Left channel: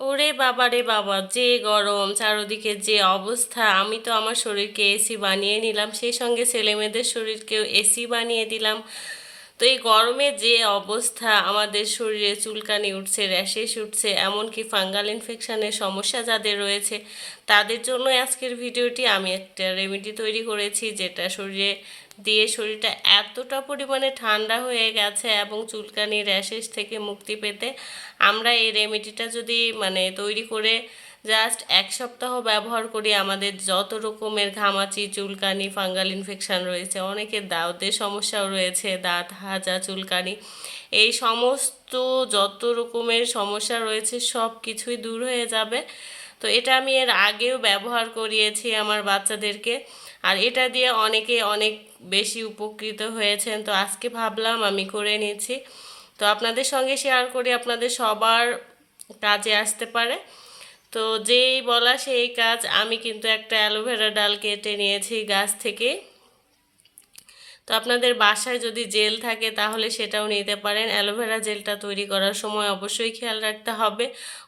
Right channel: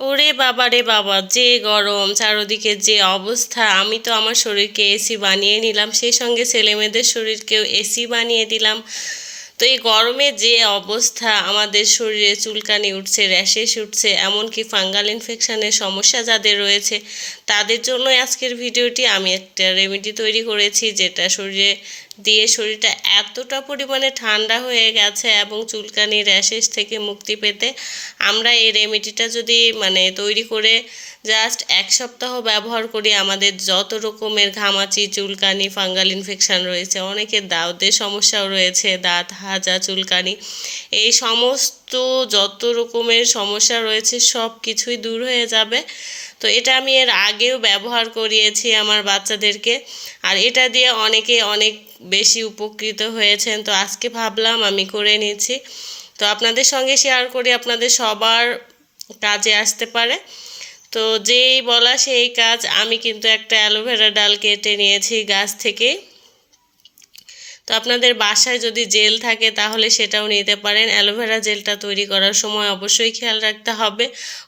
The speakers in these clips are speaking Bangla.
ওরে বাবা রে বাবা, যে গরম, চারদিকে যে অবস্থা। আমি তো আমার শরীরকে এসি বানিয়ে নিলাম, সেই সঙ্গে ছেলেমেয়েদের শরীরকেও এসি বানিয়ে দিলাম। তো এই গরমে যে অবস্থা, আমাদের শরীরে চুলকানি উঠছে, র্যাশেস উঠছে, এমনকি ফাঙ্গাল ইনফেকশানের সমস্যা যাদের রয়েছে, তাদের জন্য আজকের ভিডিওটি। আমি একটা রেমেডি তৈরি করেছি, যেটা শরীরে দিয়ে শরীরটা এতটা পরিমাণে ঠান্ডা হয়ে গেছে এবং চুলকানি র্যাশেস থেকে মুক্তি পেতে আমরা এই রেমেডিটা যদি মানে তৈরি করে জাস্ট এক সপ্তাহ ব্যবহার করি, আমাদের যত রকমের ঘামাচি, চুলকানি, ফাঙ্গাল ইনফেকশান রয়েছে অনেকের দাঁতের সমস্যাও রয়েছে, দাঁত হাজা, চুলকানি, এই সমস্ত যত রকমের সমস্যা রয়েছে, সব কিছুই দূর হয়ে যাবে। তো এটা আমি এর আগেও ব্যবহার করিয়েছি আমার বাচ্চাদেরকে, আর এটা দিয়ে অনেকে অনেক বেশি উপকৃত হয়েছেন। তো আজকে ভাবলাম আমি করে নিচ্ছি। তো আপনাদের সঙ্গে শেয়ার করি, আপনাদের সবার কাজে আসতে পারে। তো যেই বলা সেই কাজ আমি কিন্তু একটা অ্যালোভেরা ডাল কেটে নিয়েছি গাছ থেকে। তো আপনাদের বাসায় যদি জেল থাকে তাহলে সেটাও নিতে পারেন। অ্যালোভেরা জেলটা তৈরি করার সময় অবশ্যই খেয়াল রাখতে হবে।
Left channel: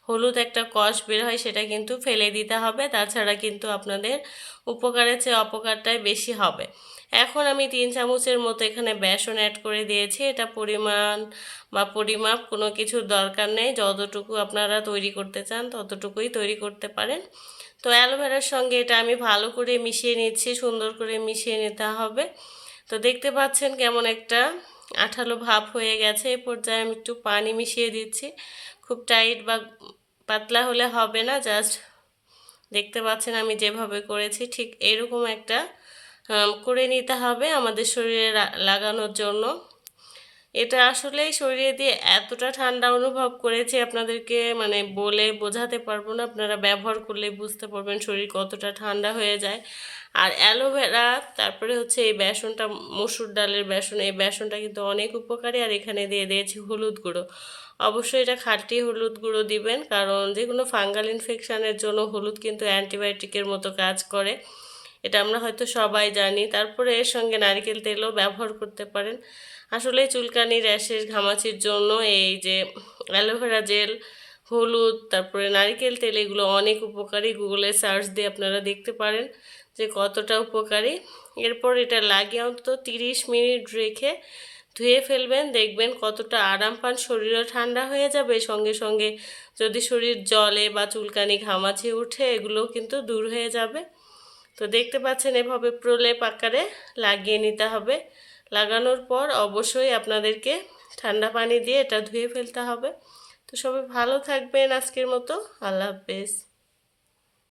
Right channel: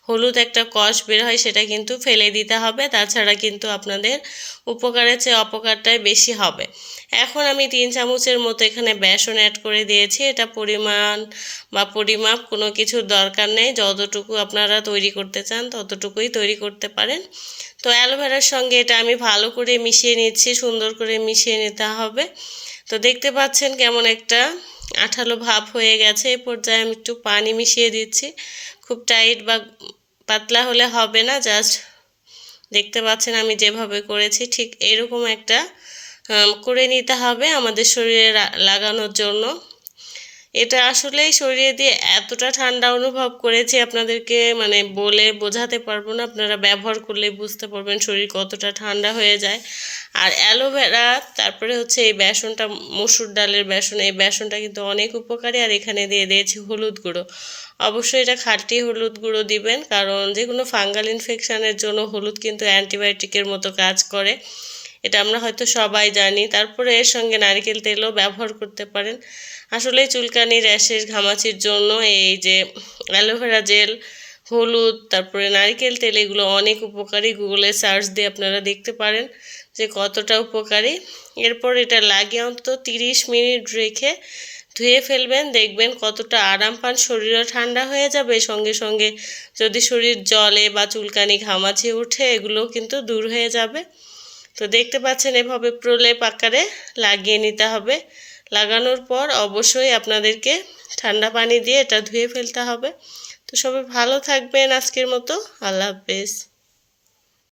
হলুদ একটা কষ বের হয় সেটা কিন্তু ফেলে দিতে হবে। তাছাড়া কিন্তু আপনাদের উপকারের চেয়ে অপকারটাই বেশি হবে। এখন আমি তিন চামচের মতো এখানে বেসন অ্যাড করে দিয়েছি। এটা পরিমাণ বা পরিমাপ কোনো কিছুর দরকার নেই। যতটুকু আপনারা তৈরি করতে চান ততটুকুই তৈরি করতে পারেন। তো অ্যালোভেরার সঙ্গে এটা আমি ভালো করে মিশিয়ে নিচ্ছি। সুন্দর করে মিশিয়ে নিতে হবে। তো দেখতে পাচ্ছেন কেমন একটা আঠালো ভাব হয়ে গেছে। এ পর্যায়ে আমি একটু পানি মিশিয়ে দিচ্ছি। খুব টাইট বা পাতলা হলে হবে না, জাস্ট দেখতে পাচ্ছেন আমি যেভাবে করেছি, ঠিক এরকম একটা করে নিতে হবে আমাদের শরীরে লাগানোর জন্য। এটা আসলেই শরীরে দিয়ে এতটা ঠান্ডা অনুভব করেছি আপনাদেরকে মানে বলে বোঝাতে পারব না, আপনারা ব্যবহার করলে বুঝতে পারবেন শরীর কতটা ঠান্ডা হয়ে যায়। আর অ্যালোভেরা, তারপরে হচ্ছে এই বেসনটা, মসুর ডালের বেসন, এই বেসনটা কিন্তু অনেক উপকারী, আর এখানে দিয়ে দিয়েছি হলুদ গুঁড়ো। অবশ্যই এটা খাঁটি হলুদ গুঁড়ো দিবেন, কারণ যে কোনো ফাঙ্গাল ইনফেকশানের জন্য হলুদ কিন্তু অ্যান্টিবায়োটিকের মতো কাজ করে। এটা আমরা হয়তো সবাই জানি। তারপরে এর সঙ্গে নারকেল তেলও ব্যবহার করতে পারেন। আসলে চুলকানি, র্যাশের, ঘামাচির জন্য এই যে অ্যালোভেরা জেল, হলুদ, তারপরে নারকেল তেল, এগুলো অনেক উপকারী। গুগলে সার্চ দিয়ে আপনারা দেখতে পারেন যে কতটা উপকারী। এরপর এটা লাগিয়ে অন্তত তিরিশ মিনিট রেখে ধুয়ে ফেলবেন। দেখবেন কতটা আরাম পান, শরীরও ঠান্ডা হয়ে যাবে। সঙ্গে সঙ্গে যদি শরীর জলে বা চুলকানি, ঘামাচি উঠে এগুলো কিন্তু দূর হয়ে যাবে। তো দেখতে পাচ্ছেন এভাবে প্রলেপ আকারে লাগিয়ে নিতে হবে। লাগানোর পর অবশ্যই আপনাদেরকে ঠান্ডা পানি দিয়ে এটা ধুয়ে ফেলতে হবে। তো সবাই ভালো থাকবেন আজকের মতো। আল্লাহ হাফেজ।